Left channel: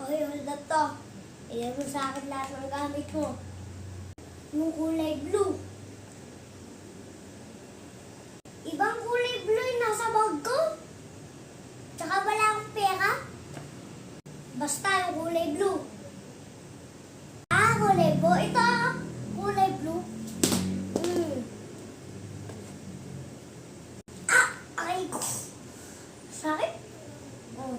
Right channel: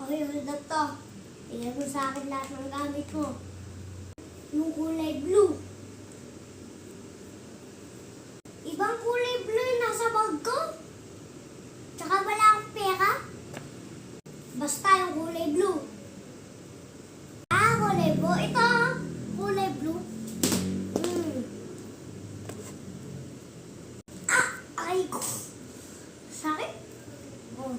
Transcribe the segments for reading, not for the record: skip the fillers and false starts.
Okay, hold up to. Tignan mo sa akin lahat ng gamit mo. Yung kulay blue. Ibang kulay blue yung nasa bag ko. Tsaka wala akong pera. Basta yung kulay blue. Kulay blue. Ito, kulay blue. Ay ko. Sakit? Oh.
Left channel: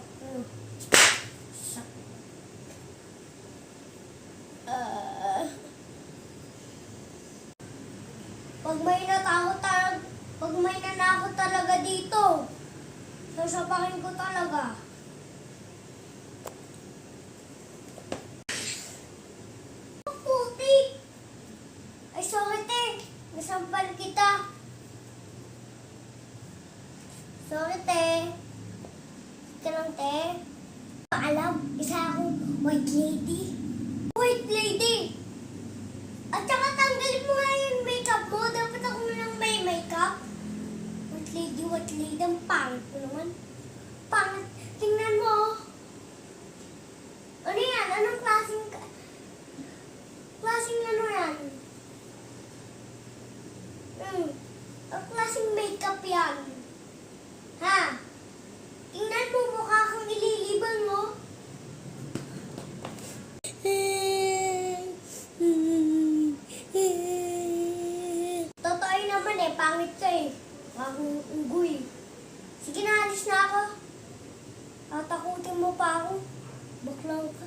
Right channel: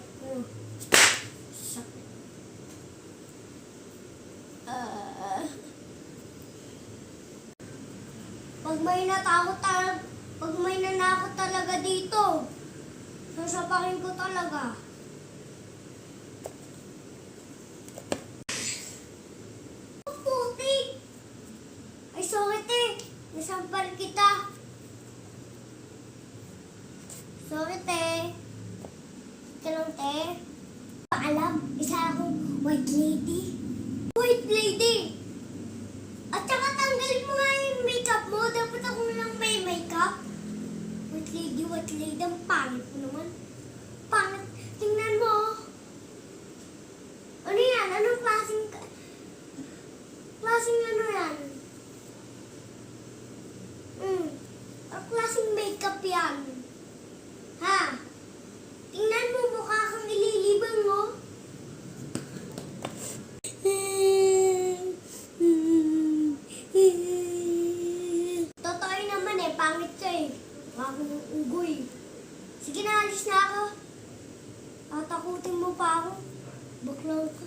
Pag may nanakot talaga dito, sasapakin ko talaga. Puti! Ay, sorry te. Nasampal kita. Sorry te. Ika lang te. Paalam, isa akong white lady. White lady! At saka tanggalin mo nga yung makeup mo. Dapat ako lang may makeup. White lady, ang pangit mo naman. Pangit. Tingnan mo. Ano yan? Anong klaseng ano yan? Anong klaseng makeup yan? Ha? Tingnan mo, mukha kang ililibang mo. Totoo naman pangit siya Akong unggoy. Sige na, alis na ako. Tatakutin mo pa ako. Baklaw ka.